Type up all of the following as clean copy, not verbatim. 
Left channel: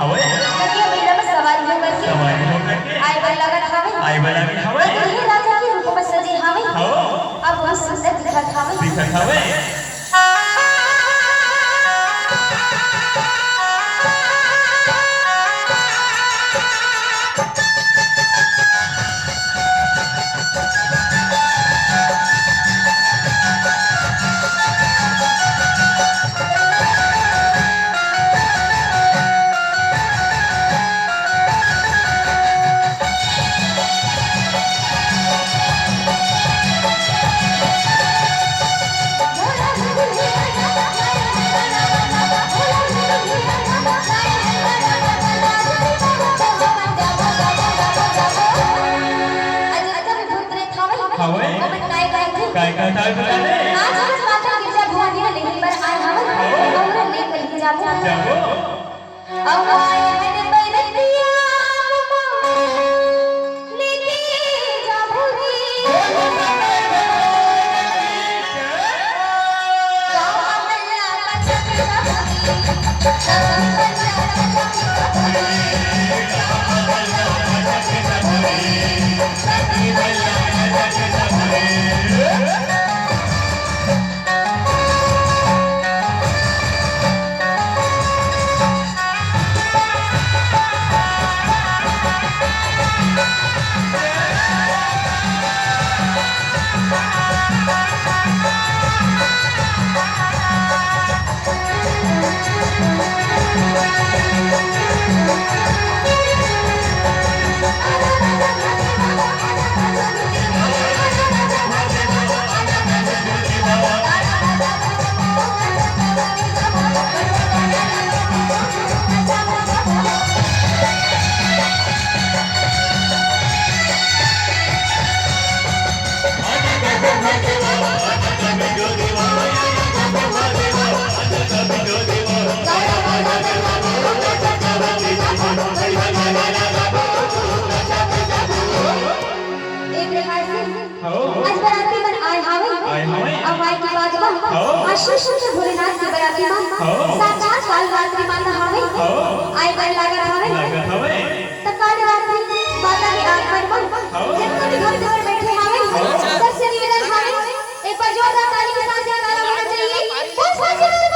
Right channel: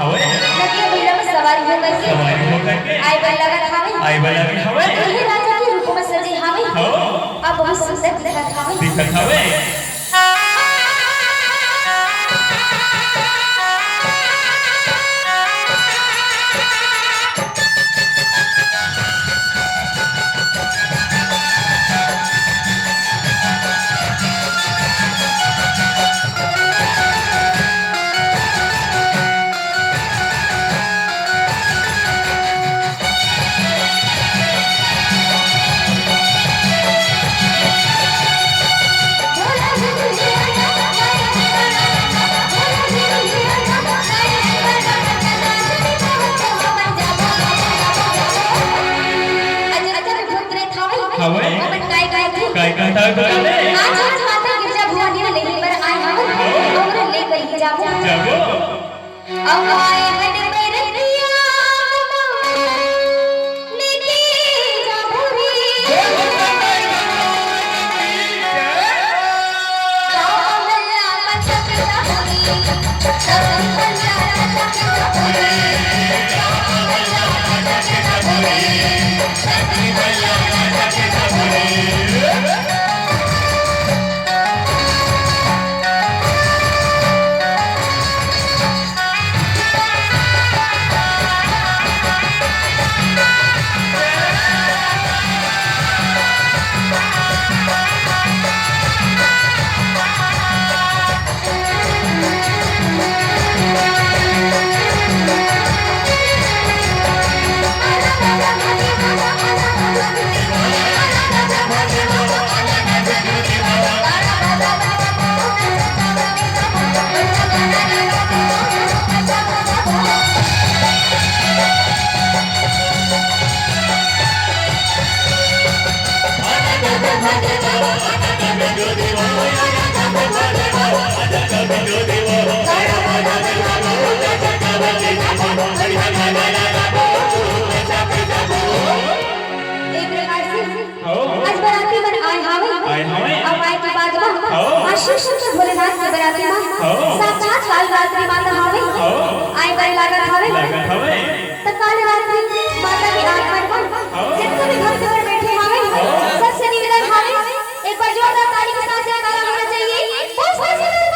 हवे लगे बिल्ला में सवार होकर के आए बल्ला का खावे आई बला में हवे दुल्हे राजा के रूप में सजे हावे हो अब बहुत सुंदर दिखत हवे काय काय था बोले आज माता गिरजा भवानी ने लेके पर आए हम तोरे ले कहीं जाबो अब आए बने बैरतिया लेके जाबो रे भोलेनाथ के बराती में साक्षात काल रात्रि माता हवे आई बड़ी लागत हवे तब काल रात्रि माता की आंख में जिनको भी घर में बैठे हवे सबसे निवेदन हवे एक बार जोरदार ताली के साथ जयकारा होना चाहिए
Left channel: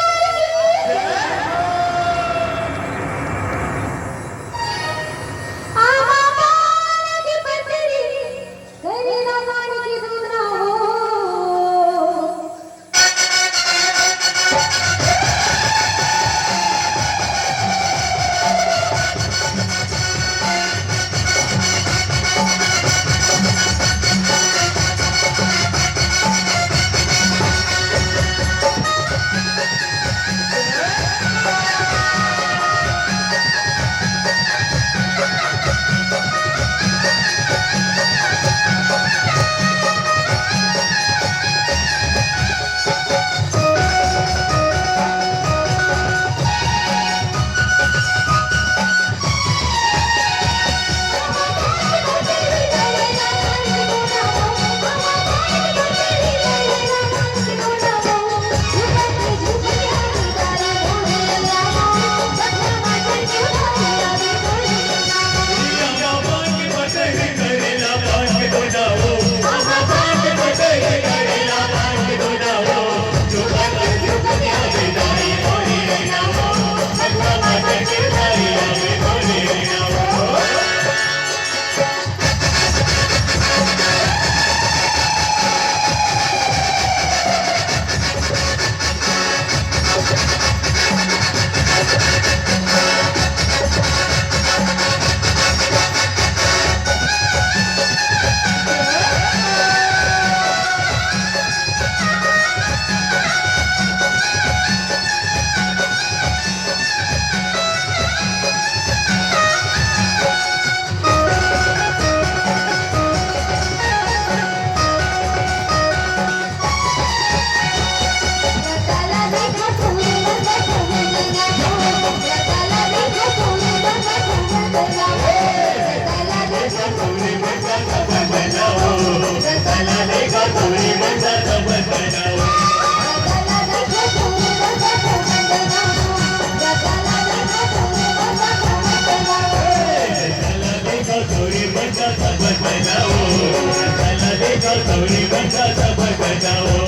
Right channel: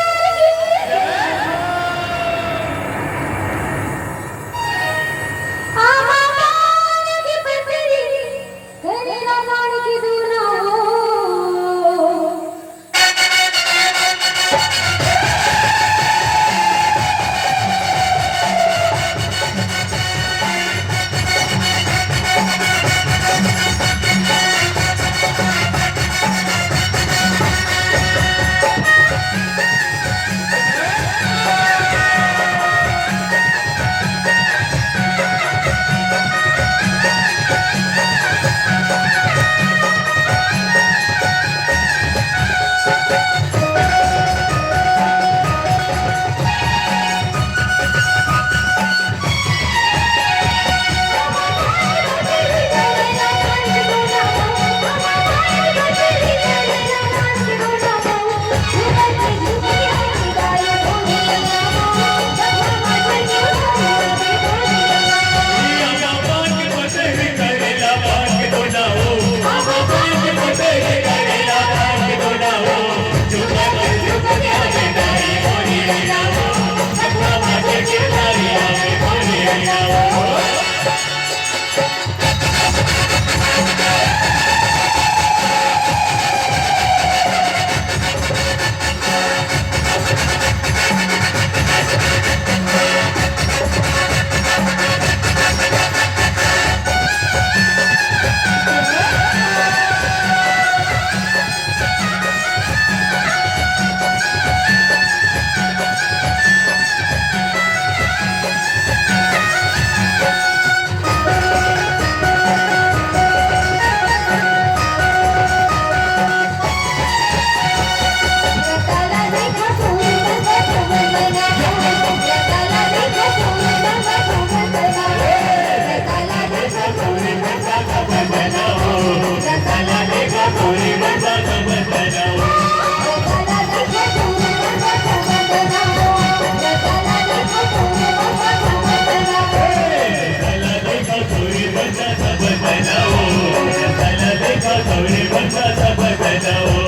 बजाओ